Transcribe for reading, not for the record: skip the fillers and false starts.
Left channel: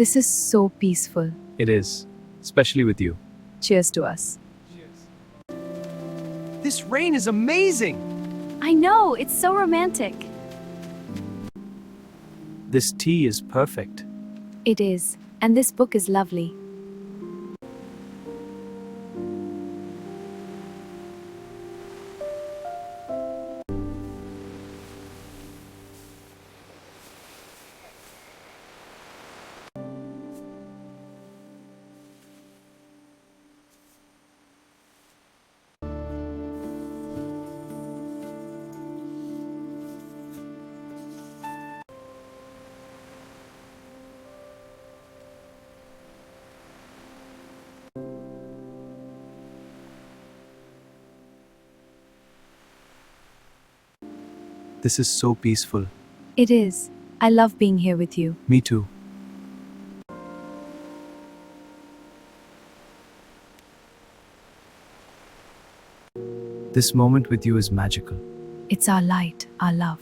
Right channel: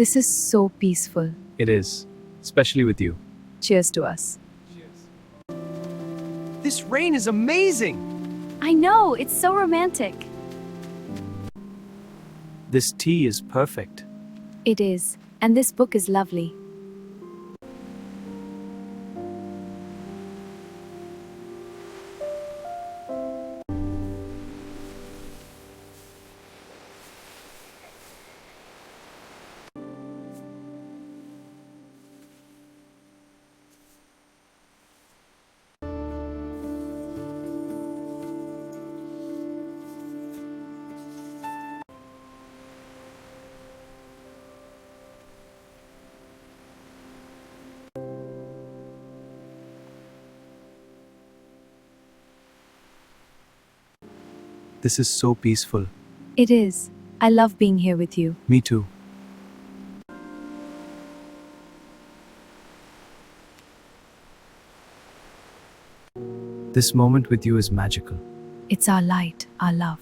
This is so peaceful. It is, especially with you. Cheers to us. This rain is amazing! I know, it's so romantic. This tea is perfect. It is. And this book is lovely. This is so peaceful. It is. I love being here with you. Me too. This moment with you is magical. It's our light, our love.